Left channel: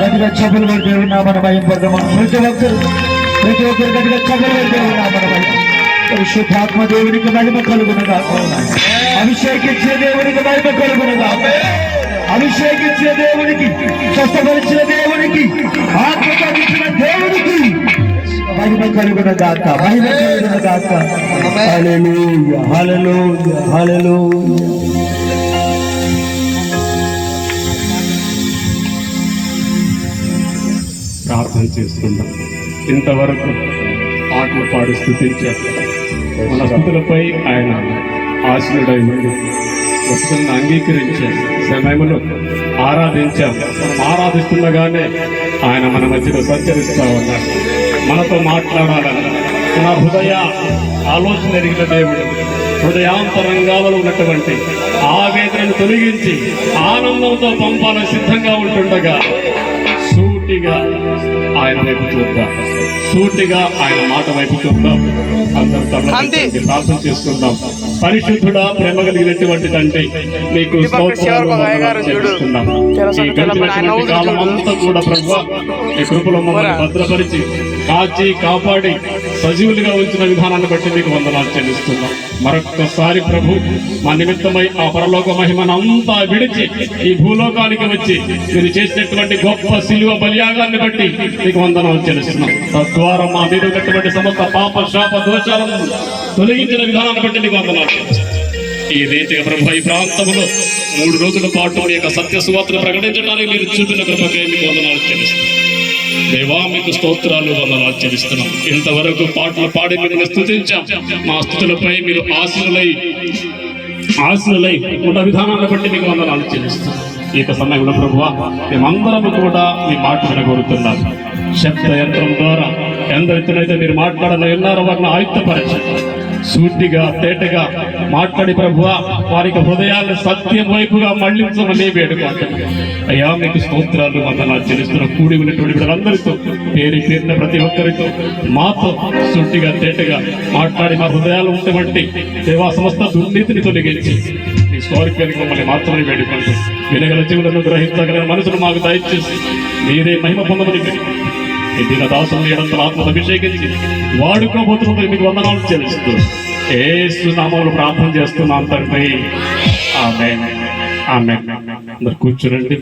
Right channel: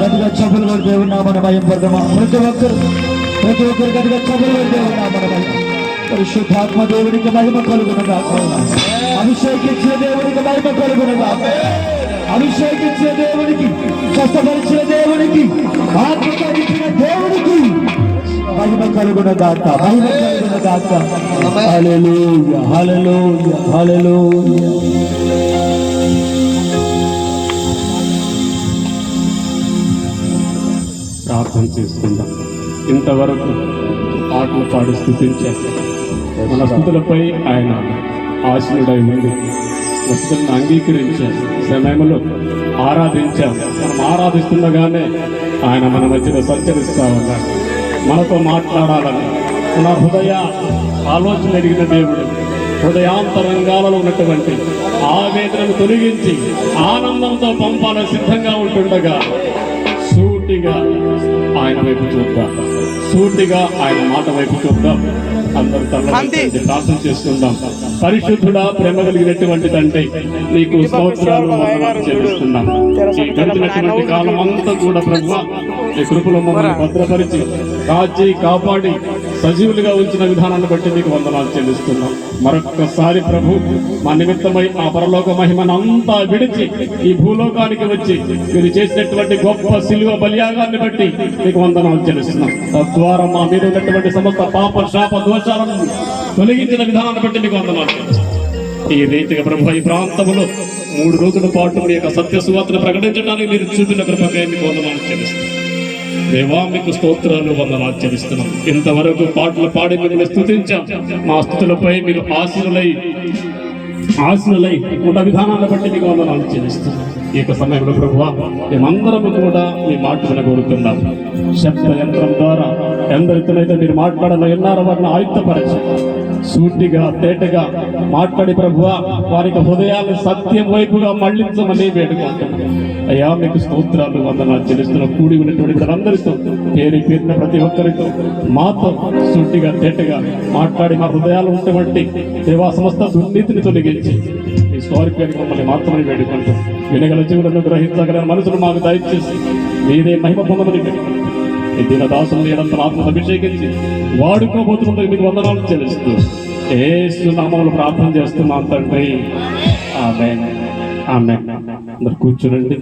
గట్టిగా చెప్పులు కొడితే ఉన్నామని భయం పడదామా? ప్రతి ఒక్కరు గట్టిగా చెప్పులు కొడితే ఉన్నామని భయం. పరిశుద్ధాత్మ దేవునికి మహిమ కలుగునగా, అభిషేకించిన దేవునికి మహిమ కలుగునగా, అభిషేకించిన దేవునికి, స్వస్థపరిచిన దేవునికి, ఆత్మకించిన దేవునికి మహిమ కలుగునగాక, మహిమ కలుగునగాక. హల్లెలూయా, హల్లెలూయా, హల్లెలూయా. ప్రార్థన చేసుకుందాం. ఇంతవరకు పాటలు పాడి స్థుతించారు. మన స్థుతులపై ఆయన ఆశీనుడై ఉండి వస్తువులను అంగీకరించారు. సమయంలో ఆరాధించాం. మనం ఆరాధిస్తుండగానే ఆయన మన మధ్యలో సంచరిస్తా ఉన్నాడు. మనతో మాట్లాడాలని మన హృదయ ఆలోచన ఎరిగిన దేవుడు హృదయాంతరంగాలలో ఉన్నటువంటి ఆవేదనను తొలగించి ఆనందంతో పంపాలని సిద్ధంగా ఉంటుండగా సూటిగా ఆయన వైపు చూద్దాం, సూటిగా ఆయన మాట వైపు చూద్దాం. అందరూ ప్రార్థన చేసుకుందాం. పరిశుద్ధుడా, ప్రేమ కలిగినటువంటి తండ్రి, నీకు చేస్తున్నాం. ఈ గడిచినటువంటి కాలం అంతా కూడా ప్రభువా నీ కృపలో మమ్మల్ని భద్రపరిచి కాచి కాపాడి సజీవులుగా ఉంచిన విధానాన్ని బట్టి నీకు వందనాలు చెల్లిస్తున్నాం. మరొక్కసారి ప్రభు మా నిమిత్తమై ఆ పరలోక మహిమనంతా విడిచి ఈ భూలోకానికి వచ్చి మీరు చేసినటువంటి గొప్ప శిలువ బలియాగాన్ని బట్టి నీకు వందనాలు చెల్లిస్తున్నాం. తద్వారా మా మీద ఉన్నటువంటి సమస్త పాప శాప దోషాలను తొలగించిన విధానాన్ని బట్టి నీకు వందనాలు చెల్లిస్తున్నాం. ఈ రీతిగా ప్రభు ఈ ప్రాంతంలో 3 రోజుల పాటు మీ యొక్క సత్య సువార్తను ప్రకటించడానికి మీరు చూపిన కృపకే మీకు వందనాలు చెల్లిస్తున్నాం. దేవా, మీకు స్తోత్రాలు, వందనాలు చెల్లిస్తున్నాం. ఇంతవరకు పాటలు పాడి మిమ్మల్ని స్తుతించాం. మా స్తుతులపై మీరు ఆశీనులై ఉన్న విధానాన్ని బట్టి మీకు వందనాలు చెల్లిస్తున్నాం. ఈ యొక్క సమయంలో ప్రభువా మేమందరం కూడా మీ మాట వినగోరుతున్నాం. శబ్ద యంత్రం ద్వారా ఎందరితోనైతే మీరు మాట్లాడాలని విన్నారో వారిని ఆయుక్తపరచండి. సూటిగా తేటగా మాట్లాడి ప్రభువా వారికి హృదయాన్ని సత్యం వైపుగా మళ్లించమని వేడుకుంటాను. అయ్యా, మీకు స్తోత్రాలు, వందనాలు చెల్లిస్తున్న కూడి ఉన్నటువంటి వీళ్ళందరితో పేరున ప్రతి ఒక్కరితో మాతో సూటిగా తేటగా మాట్లాడి మా హృదయాలు ఉన్నటువంటి దేవా సమస్త దుర్నీతిని తొలగించి మీ స్వార్థానికి మమ్మల్ని మాత్రమే వేడుకుంటాం. వినగల జీవులను గ్రహించగల మనసును మాకు దయచేసి మీరే మహిమ పొందమని ఈ దిన దాసులు ఏడంతల ఆత్మను అభిషేకించి వాడుకోబోతున్నందుకు మీకు వందనాలు చెల్లిస్తూ యేసు నామములో ప్రార్థన చేస్తున్నాం తండ్రి. ఆమేన్, ఆమేన్. అందరు కూర్చునండి.